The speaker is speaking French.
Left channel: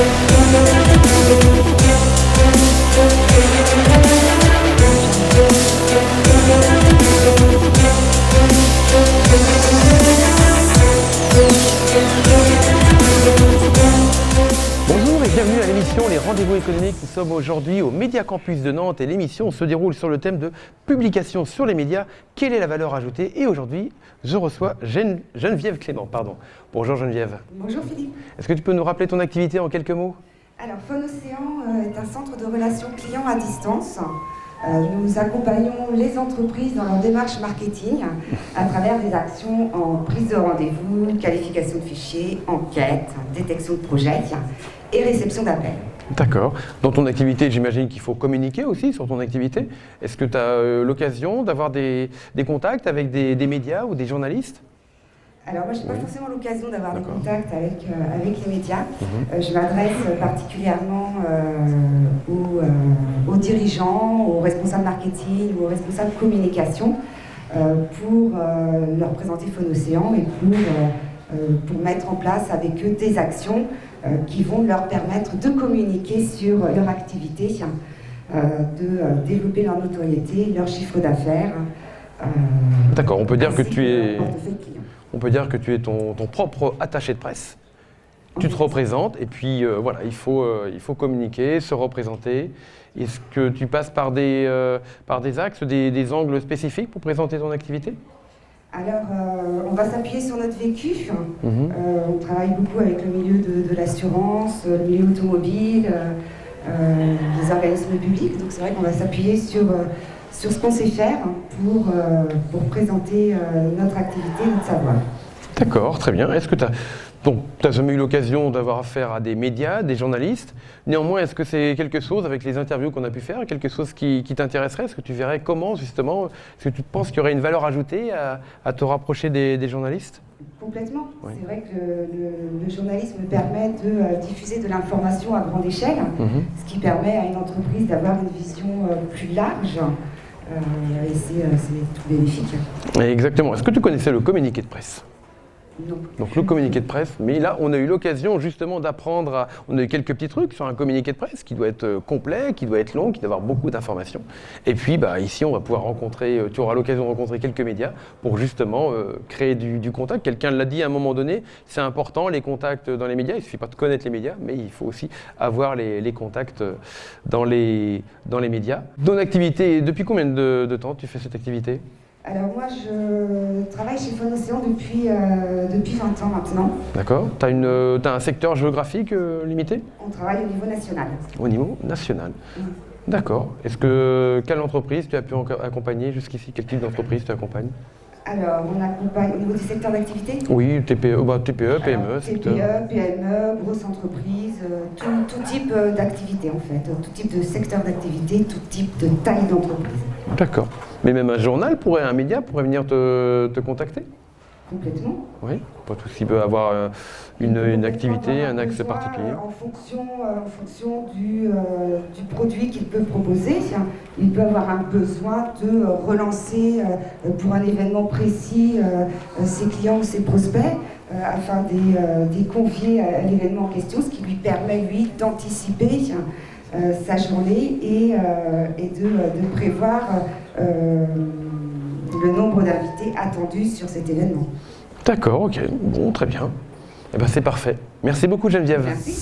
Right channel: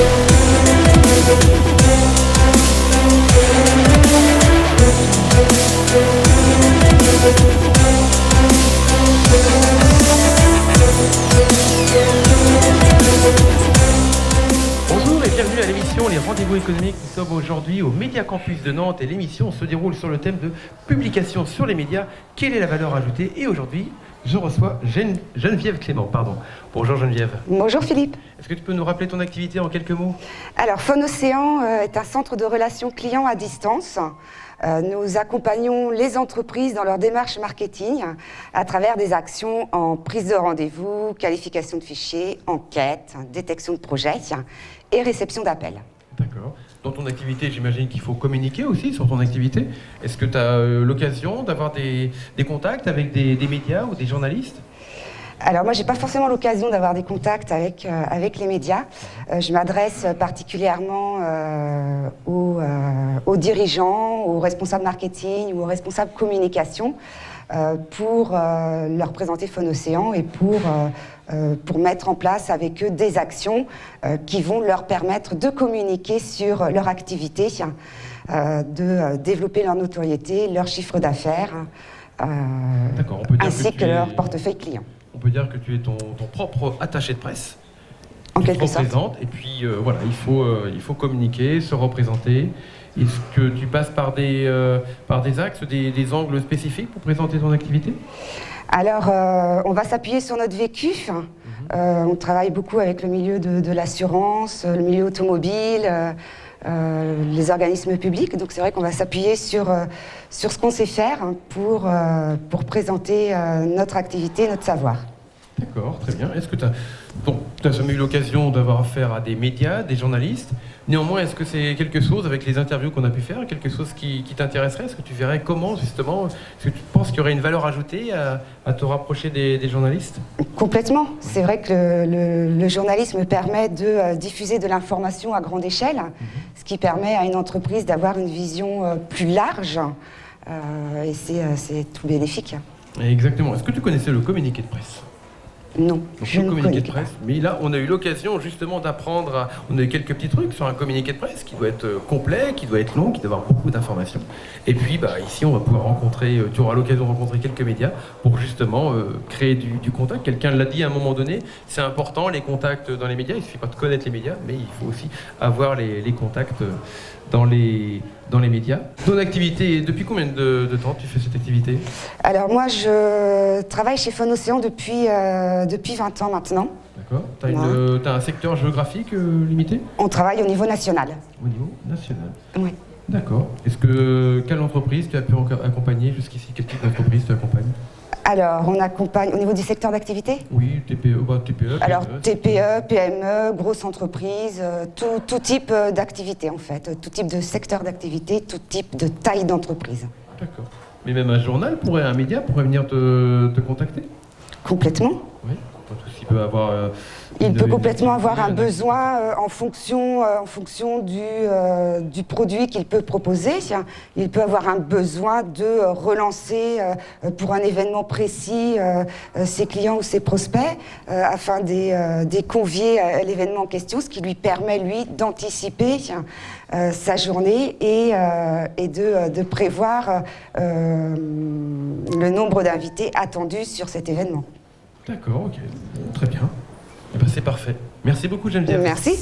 Bonjour et bienvenue à l'émission Les Rendez-vous économiques. Nous sommes aujourd'hui au Média Campus de Nantes et l'émission se déroule sur le thème de publication sur les médias. Quelle est la valeur ajoutée? Et aujourd'hui, je reçois Geneviève Clément. Bonjour Geneviève. Bonjour Philippe. Est-ce que tu peux nous rappeler ton activité en quelques mots? Alors Phonocéan est un centre de relations clients à distance. Nous accompagnons les entreprises dans leur démarche marketing à travers des actions en prise de rendez-vous, qualification de fichiers, enquête, détection de projets et réception d'appels. D'accord. Dans ton activité, j'imagine qu'il faut communiquer aussi sur ton activité. Est-ce que tu as l'occasion d'avoir des contacts avec des médias ou des journalistes? Alors moi, je n'ai pas forcément l'occasion d'avoir des contacts avec les médias. Je m'adresse particulièrement aux dirigeants, aux responsables marketing ou aux responsables communication pour leur présenter Phonocéan et pour mettre en place avec eux des actions qui vont leur permettre de communiquer sur leur activité, de développer leur notoriété, leur chiffre d'affaires, D'accord, on peut dire ainsi que que leur portefeuille client. On peut dire que tu es ton propre attaché de presse. En Tu te quelque sorte. représentes et puis voilà, il faut communiquer, se représenter. Est-ce que tu passes par des axes, des angles spécifiques pour présenter ton activité? Alors, on va s'appuyer sur notre vécu. On travaille beaucoup avec le milieu de l'assurance, le milieu automobile, les organismes publics. Donc c'est vrai qu'on va s'appuyer sur ce qu'on sait faire pour présenter notre activité, notre savoir. D'accord, très bien. Est-ce que tu n'as jamais eu l'occasion d'avoir affaire à des médias, des journalistes? Néanmoins, est-ce que c'est quelque chose, avec les interviews qu'on a pu faire, quelque chose qui t'intéresserait? Est-ce que tu verrais comment, justement, est-ce que tu penses qu'il y aurait une valeur ajoutée à te rapprocher des journalistes? Complètement. C'est vrai que le journalisme permet de diffuser de l'information à grande échelle, ce qui permet à une entreprise d'avoir une vision plus large. Et c'est tout bénéfique. Exactement. Est-ce que tu connaissais le communiqué de presse? Non. Donc je le ne communiqué connais de pas. presse, mais là on a eu l'occasion justement d'apprendre, on a eu quelques petits trucs sur un communiqué de presse qui doit être complet, qui doit être long, qui doit avoir beaucoup d'informations. Et puis ici on va pouvoir rencontrer, tu auras l'occasion de rencontrer quelques médias pour justement créer du contact. Quelqu'un l'a dit à un moment donné, c'est important les contacts dans les médias, il ne suffit pas de connaître les médias, mais il faut aussi avoir les contacts dans les médias. Ton activité, depuis combien de temps tu fais cette activité? Alors moi, je travaille chez Phonocéan depuis 20 ans maintenant. D'accord. Tu as un secteur géographique limité? On travaille au niveau national. Au niveau national. Oui. D'accord. Quelle entreprise tu as pu accompagner jusqu'ici? Quel type d'entreprise tu accompagnes? Alors, on accompagne au niveau du secteur d'activité. Oui, TPE, TPE, PME. Alors, TPE, PME, grosses entreprises, tout type d'activité en fait, tout type de secteur d'activité, tout type de taille d'entreprise. D'accord. Mais même un média pourrait venir te contacter? Complètement. Oui. Pas tout s'il peut avoir Il peut complètement activité, avoir un axe besoin particulier. en fonction du produit qu'il peut proposer. Il peut avoir un besoin de relancer pour un événement précis ses clients ou ses prospects afin de convier à l'événement en question, ce qui lui permet, lui, d'anticiper sa journée et de prévoir le nombre d'invités attendus sur cet événement. D'accord, ok. Bon, très bien. Eh ben, c'est parfait. Merci beaucoup Geneviève. Merci.